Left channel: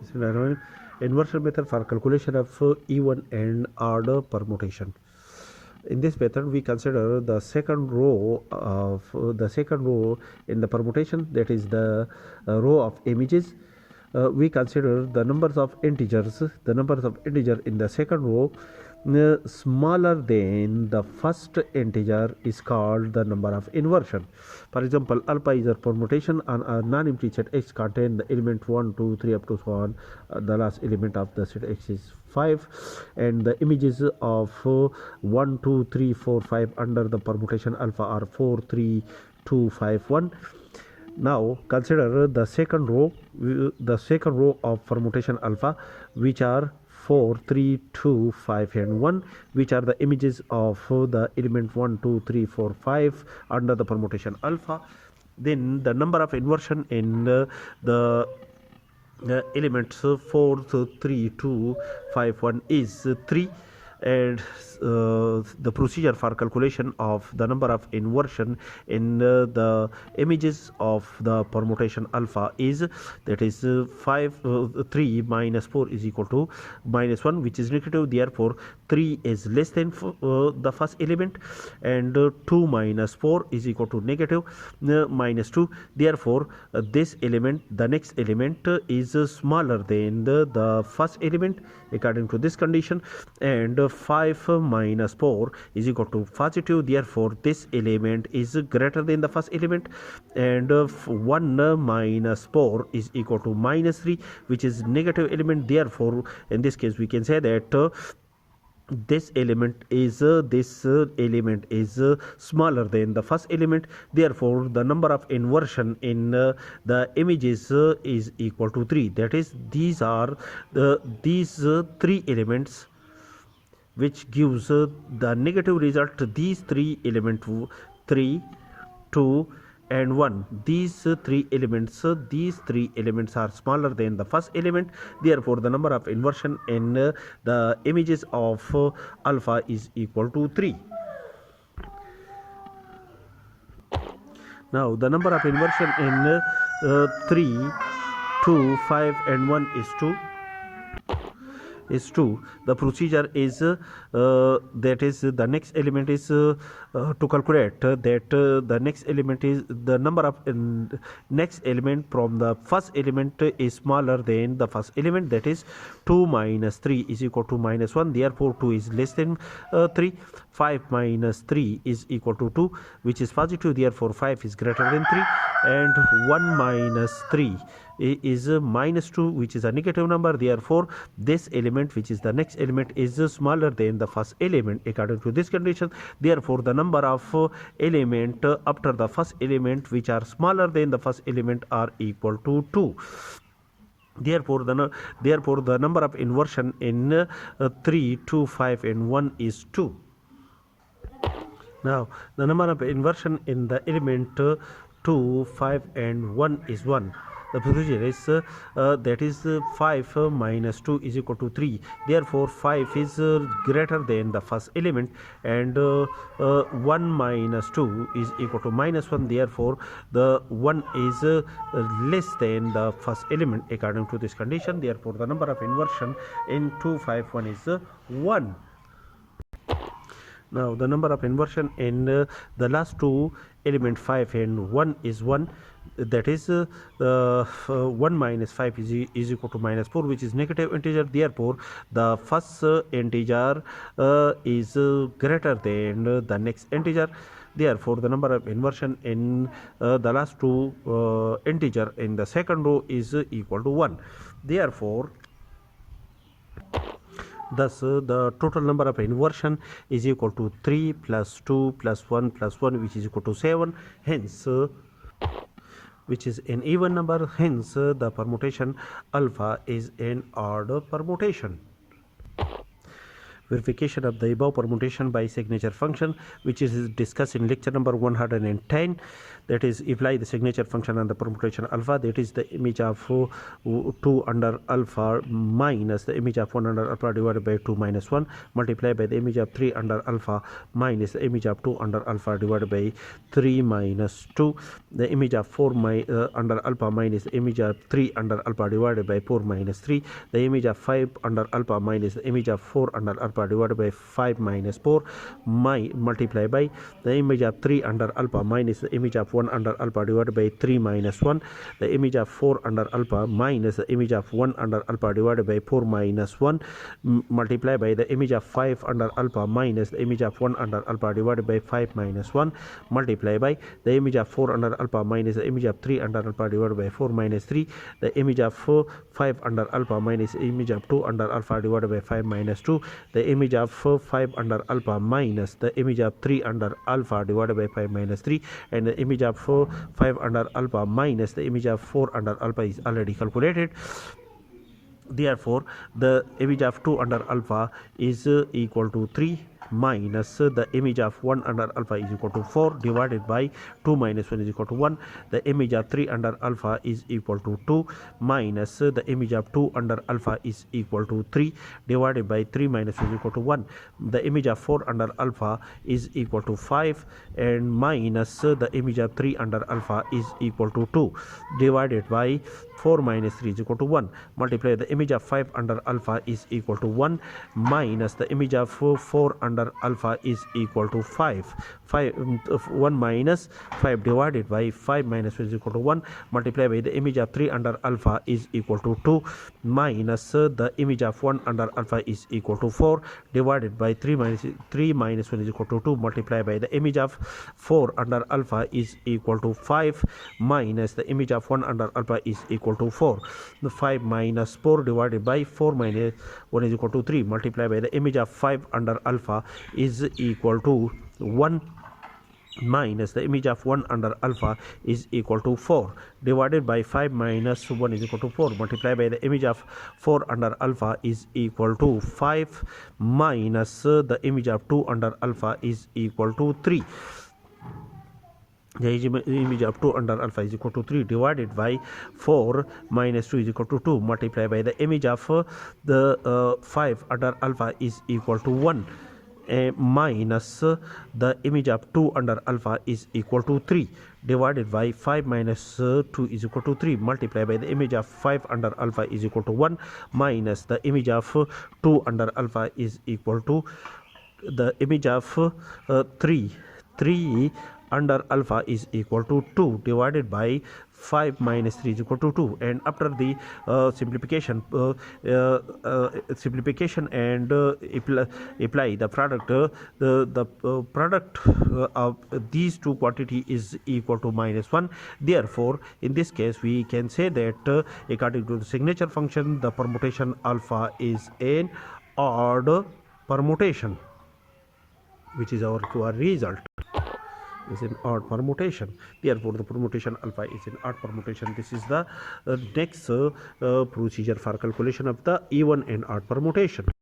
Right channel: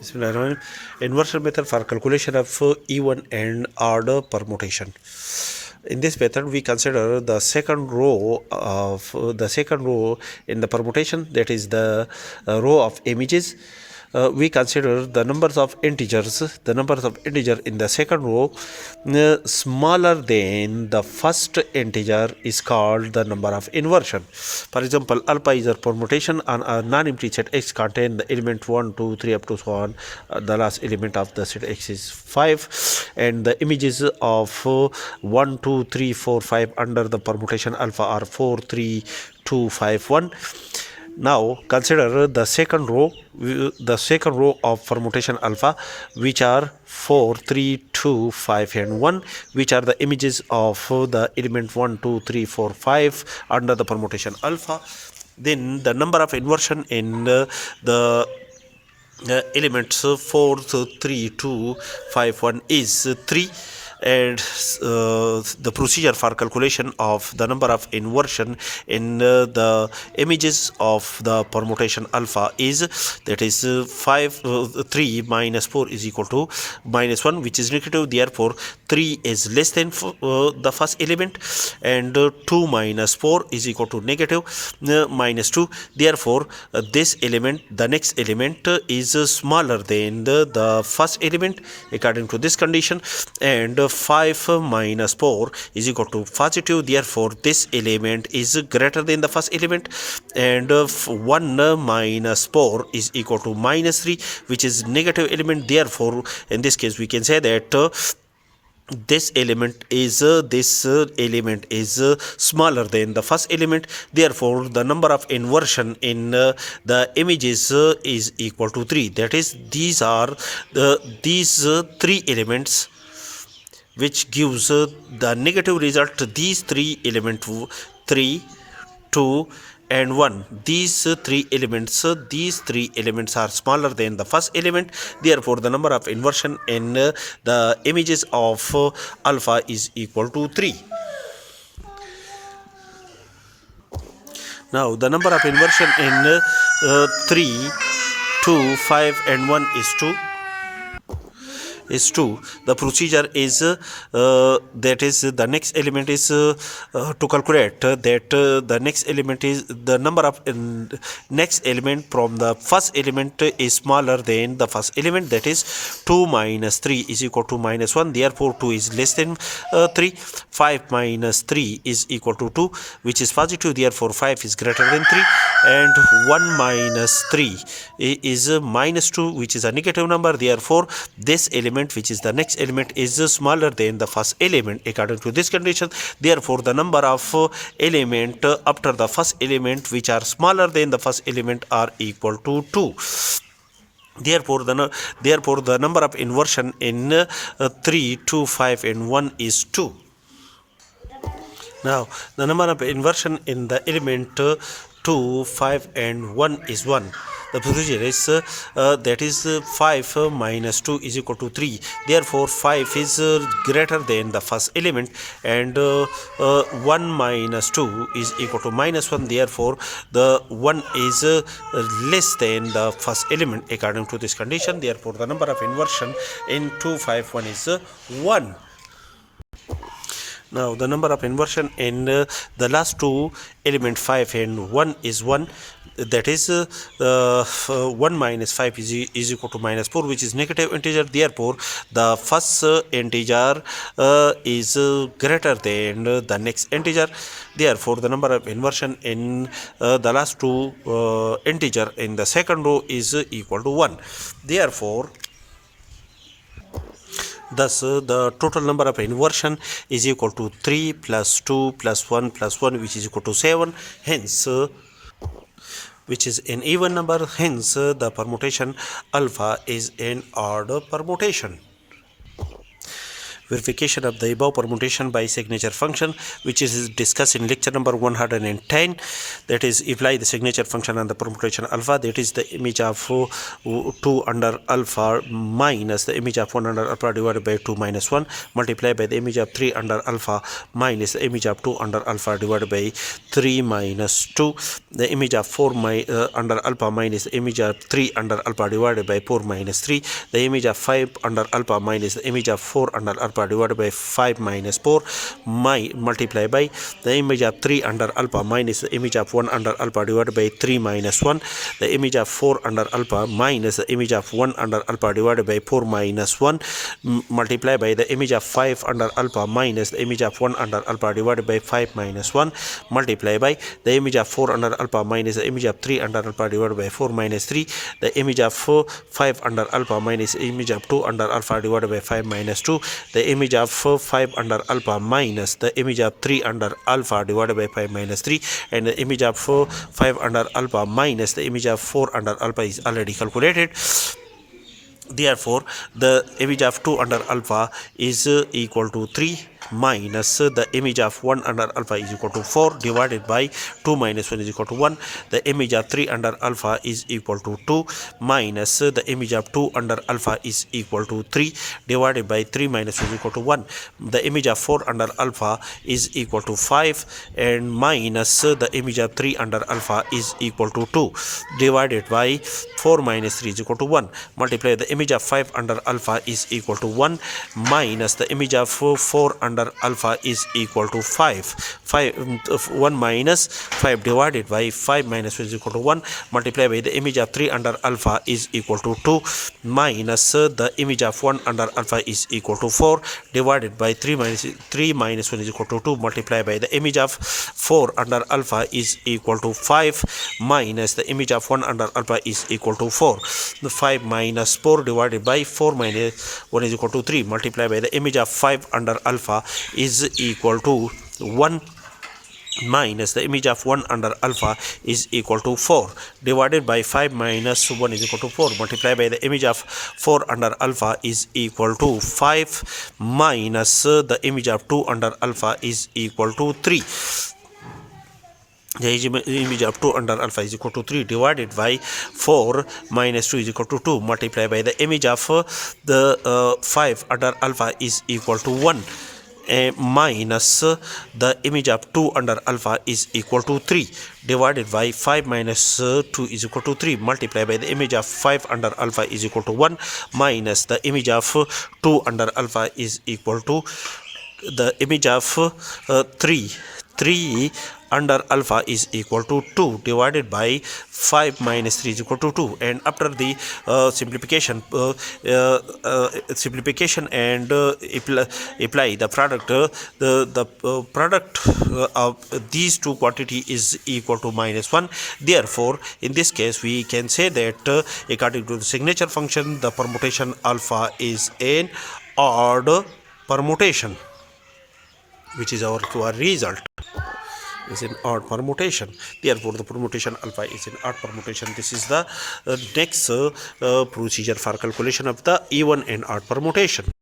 Bismillahirrahmanirrahim. Inversion method for calculation of even and odd permutation. In this method, we consider the second row in the permutation, that is the row of images. We consider the numbers of integers. The numbers of integer in the second row smaller than the first integer is called the number of inversion. For example, alpha is a permutation on a non-empty set X contain the element 1, 2, 3 up to so on. The last element of the set X is 5, and the images of 1, 2, 3, 4, 5 under the permutation alpha are 4, 3, 2, 5, 1. Now consider the second row of permutation alpha, which are 4, 3, 2, 5 and 1, which are the images of the element 1, 2, 3, 4, 5 under the permutation alpha. Then the number of inversion in the elements 4, 3, 2, 5, 1 is 3, and the procedure for calculation of the number of inversion in the images of the permutation alpha is, that is 3 minus 4 is equal to minus 1, which is negative. Therefore 3 is less than the first element, and 2 minus 4 is equal to negative minus 2. Therefore this element, the next element, is smaller than the first element according to this condition, and 5 minus 4 is equal to positive. Therefore this element is greater than the first element, and 1 minus 4 is equal to minus 3, which is negative element. Therefore in this case we can say that this element is smaller than the first element. Therefore the number of inversion in the images is equal to 3. That is, these three elements which gives the negative result. These three elements, 3, 2 and 1, these three elements are smaller than the first element. Therefore the number of inversion in the images of alpha is equal to 3. Now the number of inversion in 3, 2, 5 and 1 is 2. The procedure is that is, the next element is to calculate that the next element is the number of next element from the first element is smaller than the first element, that is 2 minus 3 is equal to minus 1. Therefore 2 is less than 3. 5 minus 3 is equal to 2, which is positive. Therefore 5 is greater than 3, and 1 minus 3 is minus 2, which is a negative number. Therefore this element, which is the next element, is smaller than the first element according to this condition. Therefore the number of element after the first element which are smaller than the first element are equal to 2. Therefore the number of inversion in 3, 2, 5 and 1 is 2. Now the number of inversion in the element 2, 5 and 1 is 1. The procedure is that is 5 minus 2 is equal to 3. Therefore 5 is greater than the first element, and 1 minus 2 is equal to minus 1. Therefore the 1 is less than the first element according to this condition. Therefore the number of inversion in 2, 5, 1 is 1. Now the number of inversion in the last two element 5 and 1 is 1. That is 1 minus 5 is equal to minus 4, which is negative integer. Therefore the first integer is greater than the next integer. Therefore the number of inversion in the last two integer in the second row is equal to 1. Therefore thus the total number of inversion is equal to 3 plus 2 plus 1 plus 1, which is equal to 7. Hence which is an even number. Hence the permutation alpha is an odd permutation. verification of the above permutation by signature function, which is discussed in lecture number 110. That is, apply the signature function on the permutation alpha. That is the image of 2 under alpha minus the image of 1 under alpha divided by 2 minus 1, multiply by the image of 3 under alpha minus the image of 2 under alpha divided by 3 minus 2, the image of 4 under alpha minus the image of 3 under alpha divided by 4 minus 3, the image of 5 under alpha minus the image of 4 under alpha divided by 5 minus 4, multiply by the image of 3 under alpha minus the image of 1 under alpha divided by 3 minus 1, the image of 4 under alpha minus the image of 1 under alpha divided by 4 minus 1, multiply by the image of 5 under alpha minus the image of 1 under alpha divided by 5 minus 1, multiply by the image of 4 under alpha minus the image of 3 under alpha divided by 4 minus 3, the image of 5 under alpha minus the image of 2 under alpha divided by 5 minus 2, the image of 5 under alpha minus the image of 3 under alpha divided by 5 minus 3, and the image of 5 under alpha minus the image of 4 under alpha is already calculated. Therefore, the image of 2 under alpha is equal to 3 minus the image of 1 under alpha is equal to 4 divided by 2 minus 1 is equal to 1. The image of 3 under alpha is equal to 2 minus the image of 2 under alpha is equal to 3 divided by 3 minus 1 is equal to 1. The image of 4 under alpha is equal to 5 and minus the image of 3 under alpha is equal to 2 divided by 4 minus 3 is equal to 1. Multiply the image of 5 under alpha is equal to 1 minus the image of 4 under alpha is equal to 5. 1 minus 5 divided by 5 minus 1 is equal to 1. Multiply by the image of 3 under alpha is equal to 2 minus the image of 1 under alpha is equal to 4 divided by 3 minus 1 is equal to 2. Multiply by the image of 4 under alpha is equal to 5 minus the image of 1 under alpha is equal to 4. The 5 minus 4 divided by 4 minus 1 is equal to 3. Multiply by the image of 5 under alpha is equal to 1 minus the image of 1 under alpha is equal to 4 divided by 5 minus 1 is equal to 4. Multiply by the image of 4 under alpha is equal to 5 minus the image of 2 under alpha is equal to 3. The image of 2 under alpha is equal to 3 divided by 4 minus 2 is equal to 2. Multiply by the image of the 5 under alpha is equal to 1 minus the image of 2 under alpha is equal to 3 divided by 5 minus 2 is equal to 3. Multiply by the image of 5 under alpha is equal to 1 minus the image of 2 under alpha is equal to the image of 3 under alpha is equal to 2 divided by 5 minus 3 is equal to 2. And after the simplification and apply the product, the product of these two quantity is equal to minus 1. Therefore, in this case we can say that according to the signature function, the permutation alpha is an odd permutation, which is our result is an odd permutation. Therefore, the permutation alpha is an odd permutation. This is the next procedure for calculation of the even and odd permutation.